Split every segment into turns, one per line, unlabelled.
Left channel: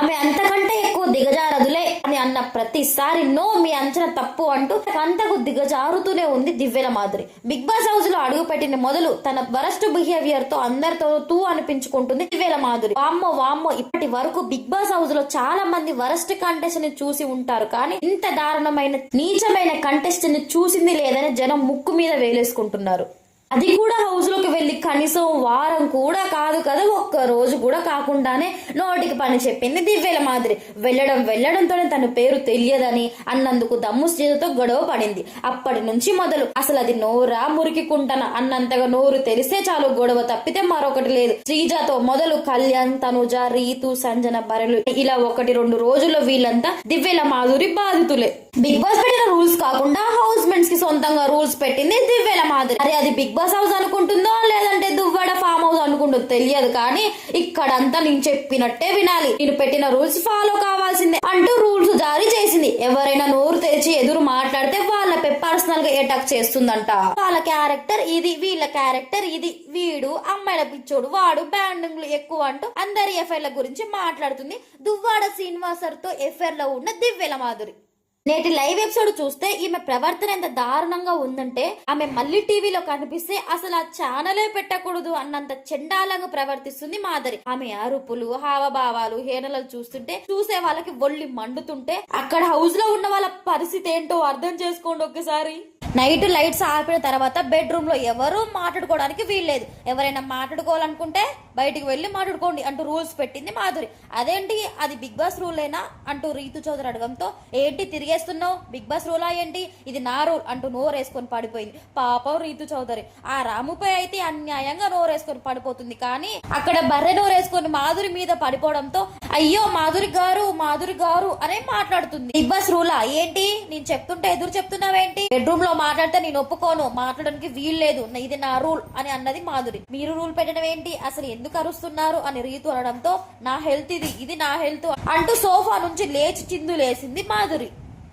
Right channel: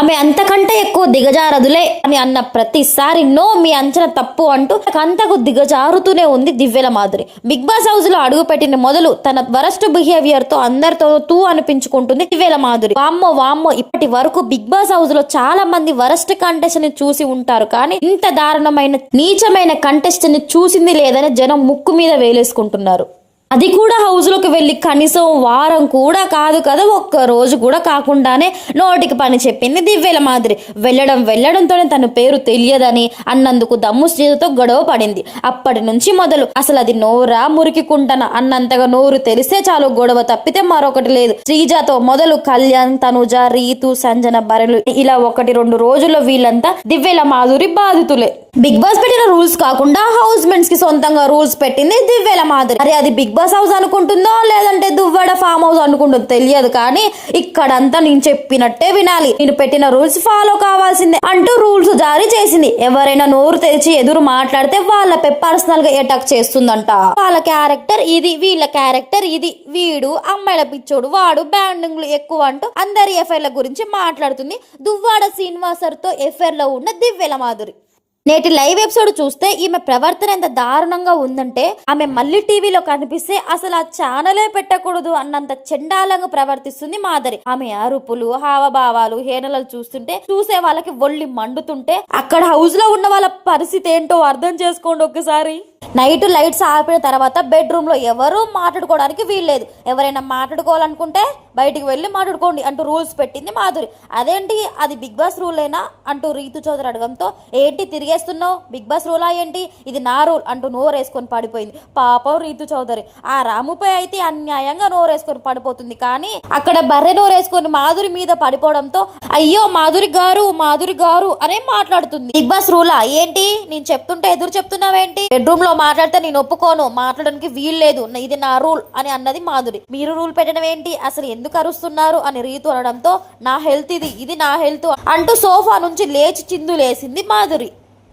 ఆమె అంతకంటే ఎక్కువ దిగజారదులే అని అన్న ప్రతిసారి నో మీ అంచనా తప్పు అంటూ అంతకు దిగజారుతూనే ఉంది దివ్యల మాధురి బిగ్ బాస్ హౌస్లో అడుగు పెట్టిన మొదలు తన వరస్ట్ బిహేవియర్తో అందరితో తూ అనిపించుకుంటుంది దివ్యల మాధురి వామ్మో వామ్మో ఇప్పటి వరకు బిగ్ బాస్ హౌస్లో చాలా మంది వరస్ట్ కంటెస్ట్ని చూసి ఉంటారు కానీ ఇంత దారుణమైన నీచమైన కంటెస్ట్ని చూసింది లేదని జనం ముక్కు మీద వేలేసుకుంటున్నారు. అది కూడా హౌస్లోకి వెళ్ళి కనీసం వారం కూడా కాదు కదా ఒక్క రోజు కూడా కాకుండానే నోటికి పని చెప్పింది దివ్యల మాదిరి. వెళ్ళడం వెళ్ళడంతోనే తన పేరు తెలియదని అన్నందుకు దమ్ము శ్రీజతో గొడవ పడింది. అప్పటి నుంచి మొదలు అసలు అది నోరా మురికికుంటన అన్నంతగా నోరు తెలిస్తే చాలు గొడవ తప్పితే మరొకటి లేదు. శ్రీజాతో మొదలు కళ్యాణ్ తనుజ రీతు సంజన బరలు ఇలా ఒకటి రెండు రోజుల్లో వీళ్ళంతా దివ్యల మాధురి బాధితులే. బిగ్ బాస్ పెట్టిన రూల్స్ కాకుండా హౌస్ మెంట్స్కి సొంతంగా రూల్స్ పెట్టింది దివ్యల మాధురి అరే అది బిగ్ బాస్ హౌస్ అనుకుంటుందో లేదంటే దువ్వడ ఫామ్ హౌస్ అనుకుంటుందో తెలియదు కానీ ఇక్కడంతా నేను చెప్పినట్టే వినాలి. నేను పెట్టిన రూల్స్ ఫాలో కావాల్సిందే అంటూ రూల్స్ జారీ చేసింది. ఎవరైనా నోరు తెరిచి ఎదురు మాట్లాడితే వాళ్ళపై పర్సనల్గా అటాక్ చేస్తుందంట. వాళ్ళ క్యారెక్టర్ ఇది వీళ్ళ క్యారెక్టర్ ఇది వీడు అమ్మాయిల పిచ్చోడు వాడు బ్యాండింగ్లు ఎక్కువ అంటూ అందరి ఎఫ్ఐఆర్ల గురించి మాట్లాడుతుంది. దువ్వాడ శ్రీనివాసర్తో లో ఉన్న దివ్యల మాధురి. నేటి లైవ్ ఎపిసోడ్ చూస్తే ఈమె ప్రవర్తన ఎంత దారుణంగా ఉందంటే ఆమె మళ్ళీ టీవీలో కనిపిస్తే అసలు ఆ ఛానలే పెట్టకూడదు అన్నంత చెండాలంగా ప్రవర్తిస్తుంది మాధరి. ఆమె అరుపులు హావభావాలు హేనలు చూస్తుంటే చూసే వాళ్ళకి ఒళ్ళి మండుతుంటే అక్కడ హౌస్లో ఉన్న వాళ్ళ పరిస్థితి ఏంటో అర్థం చేసుకోండి ఒకసారి నైట్ లైట్స్ ఆపిన తర్వాత బెడ్రూమ్లో ఎవరూ ఎవరు మాట్లాడుకోవడానికి వీల్లేదు. ఎవరైనా మాట్లాడుకోవాలనుకుంటే బయటికి వెళ్ళి మాట్లాడుకోండి అంటూ రూల్స్ పెట్టింది మాధురి. అదేంటి? అది బిగ్ బాస్ రూల్ అయినా అంటూ రీతు చౌదరి అడగంతో ఏంటి తిరిగేస్తున్నావు? బిగ్ బాస్ రూలా ఏంటి? ఇది నా రూల్ అంటూ నోరేసుకొని పడిపోయింది. పాపం రీతు చౌదరి. ఆ రాముపై అయితే అన్యాయంగా నోరేసుకొని పడిపోతుంది. కానీ అక్కడ బర్రె నోరేసుకొని మాధురి మీద పడిపోవడంతో అయ్యో మాధురి గారు మాధురి గారు అనే మాట్లాడుతుంది. బిగ్ బాస్ రూలా? ఏంటి? నేను చెప్తుంటే ఎదురు చెప్తున్నావేంటి? బెడ్రూమ్లో మాట్లాడితే నేను ఒప్పుకోను. మాట్లాడడానికి వీల్లేదు ఇది నా రూల్ అని అన్నది మాధురి. మీరు రూల్ పెట్టడం ఏంటి? అసలు ఎందుకు అరుస్తున్నారు? అని రీతు అనడంతో నా హెల్త్ ఇది. ఇది నా హెల్త్ అంటూ సోఫా నుంచి లేచి చిందులేసింది మాధురి.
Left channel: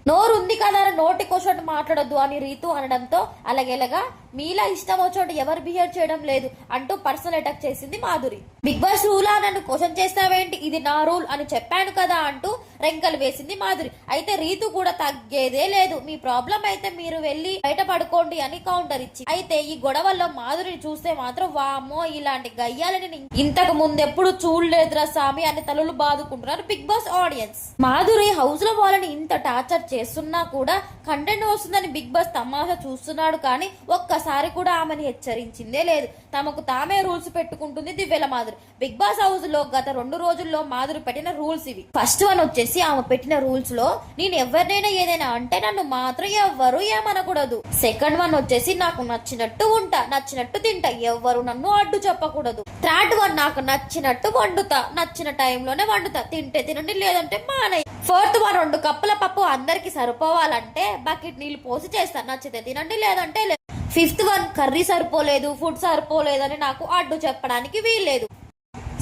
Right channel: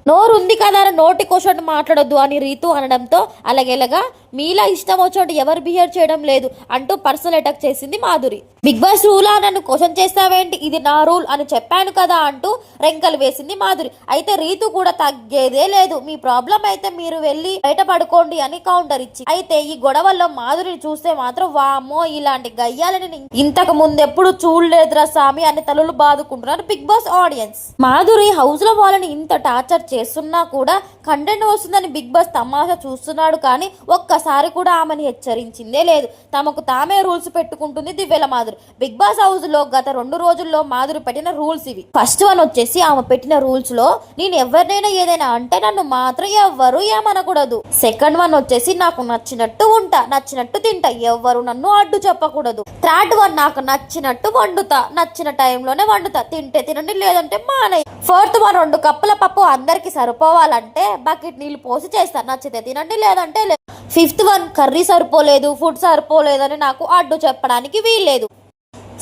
నోరుంది కదా అని నోటి క్వశ్చన్ మాట్లాడొద్దు అని రీతు అనడంతో అలాగేలాగా మీలా ఇష్టం వచ్చినట్టు ఎవరు బిహేవ్ చేయడం లేదు అంటూ పర్సనల్ అటాక్ చేసింది మాధురి. బిగ్ బాస్ రూలా నన్ను క్వశ్చన్ చేస్తావేంటి? ఇది నా రూల్ అని చెప్పాను కదా అంటూ రెంకలు వేసింది మాధురి. అయితే రీతు కూడా తగ్గేదే లేదు. మీ ప్రాబ్లం అయితే మీరు వెళ్ళి బయట పడుకోండి అని కౌంటర్ ఇచ్చి. అయితే ఈ గొడవల్లో మాధురిని చూస్తే మాత్రం వామ్మో ఇలాంటి గయ్యాలని ఇంతకు ముందు ఎప్పుడు చూడలేదురా స్వామి అని తలలు బాదుకుంటున్నారు బిగ్ బాస్ ఆడియన్స్. మాధురి హౌస్లో వాళ్ళని ఇంత టార్చర్ చేస్తున్నా కూడా కంటెంట్ వస్తుందని బిగ్ బాస్ తమాషా చూస్తున్నాడు కానీ ఒక్క ఒక్కసారి కూడా ఆమెను హెచ్చరించిందే లేదు. తమకు తామే రూల్స్ పెట్టుకుంటుంది దివ్యల మాధురి. బిగ్ బాస్ హౌస్లో గత రెండు రోజుల్లో మాధురి పెట్టిన రూల్స్ ఇవి. ఫస్ట్ వన్ వచ్చేసి ఆమె పెట్టిన రూల్స్లో నేను ఎవరినైనా ఏదైనా అంటే నన్ను మాత్రం ఎవ్వరు ఏమనకూడదు. సెకండ్ వన్ వచ్చేసి నాకు నచ్చినట్టు ఉంటా నచ్చినట్టు తింటా ఎవ్వరు నన్ను అడ్డు చెప్పకూడదు. థర్డ్ వన్ నాకు నచ్చినట్టు వండుతా నచ్చిన టైంలోనే వండుతా తింటే తినండి లేదంటే మానే ఫోర్త్ వన్ రెండు కప్పుల పప్పు అందరికి సరిపోవాలంటే బకెట్ నీళ్ళు పోసి చేస్తా నచ్చితే తినండి లేదంటే లేదు ఫిఫ్త్ వన్ కర్రీ సరిపోలేదు ఫుడ్ సరిపోలేదని నాకు అడ్డు చెప్పడానికి వీల్లేదు.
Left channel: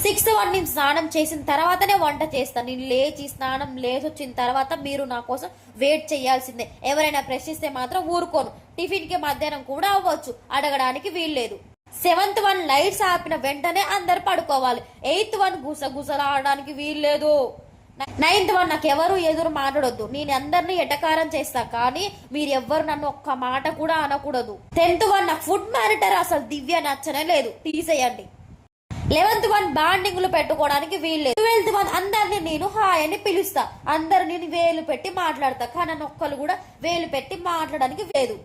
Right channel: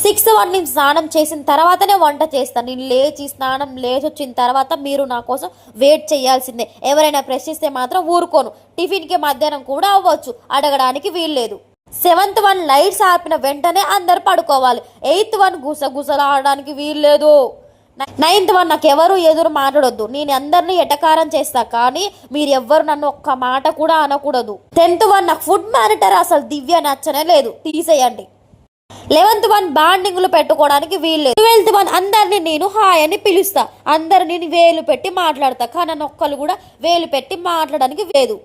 సిక్స్త్ వన్ నేను స్నానం చేసిన తర్వాతనే వంట చేస్తాను నేను లేచి స్నానం లేచి వచ్చిన తర్వాత మీరు నా కోసం వెయిట్ చేయాల్సిందే. ఎవరైనా ప్రశ్నిస్తే మాత్రం ఊరుకోను. టిఫిన్కి మధ్యాహ్నం కూడా అవ్వచ్చు. అడగడానికి వీల్లేదు. సెవెంత్ వన్ లైట్స్ ఆపిన వెంటనే అందరు పడుకోవాలి. ఎయిత్ వన్ గుసగుసలాడడానికి వీల్లేదు. నైన్త్ వన్ నాకు ఎవరు ఎదురు మాట్లాడొద్దు. నేను అందరినీ ఎటకారం చేస్తా కానీ మీరు ఎవ్వరు నన్ను ఒక్క మాట కూడా అనకూడదు. టెన్త్ వన్ నాకు ఫుడ్ మానిటర్ అసలు దివ్య నచ్చనే లేదు. తీసేయండి. లెవెన్త్ వన్ బాండింగ్లు పెట్టుకోవడానికి వీలు ట్వెల్త్ వన్ అందరిని నేను హాయ్ అని పిలుస్తా. అందరిని నేను వేలు పెట్టి మాట్లాడతా కానీ నన్ను ఒక్కరు కూడా వేలు పెట్టి మాట్లాడడానికి లేదు.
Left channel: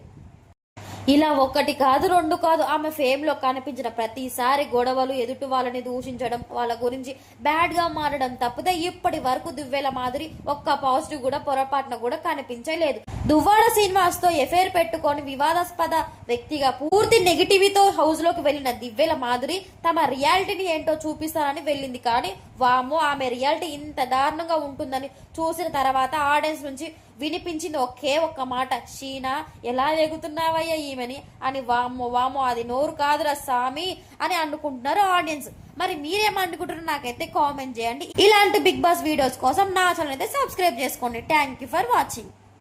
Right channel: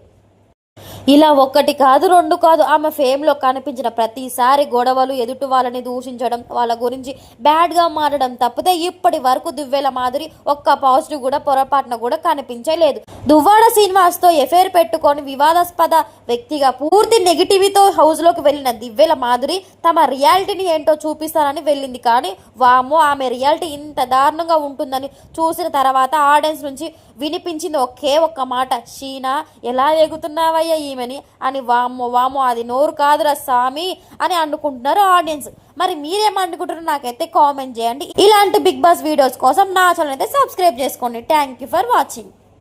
ఇలా ఒక్కటి కాదు రెండు కాదు ఆమె ఫేమ్లో కనిపించిన ప్రతిసారి గొడవలు ఎదుటి వాళ్ళని దూషించడం వాళ్ళ గురించి బ్యాడ్గా మారడం తప్పితే ఇప్పటి వరకు దువ్వెల మాదిరి ఒక్క పాజిటివ్ కూడా పొరపాటున కూడా కనిపించలేదు. దువ్వాడ శ్రీనివాస్తో ఎఫైర్ పెట్టుకొని వివాదాస్పద వ్యక్తిగా పూర్తి నెగిటివితో హౌస్లోకి వెళ్ళిన దివ్వెల మాధురి తమ రియాలిటీని ఏంటో చూపిస్తానని వెళ్ళింది. కానీ వామో ఆమె రియాలిటీ ఇంత దారుణంగా ఉంటుందని చూసిన తర్వాత ఆడియన్స్ నుంచి వినిపించింది ఒకే ఒక్క మాట షీనా ఎలా ఎగుతున్నావయ్యా ఈమెని? అని వామ్మో వామో అది నోరు కాదురా స్వామి అని అనుకుంటున్నారు ఆడియన్స్. మరి మీరేమనుకుంటారో నాకైతే కామెంట్ చేయండి. ఇలాంటి బిగ్ బాస్ వీడియోస్ కోసం నా ఛానల్ అయితే సబ్స్క్రైబ్ చేసుకోండి. Thank you for watching.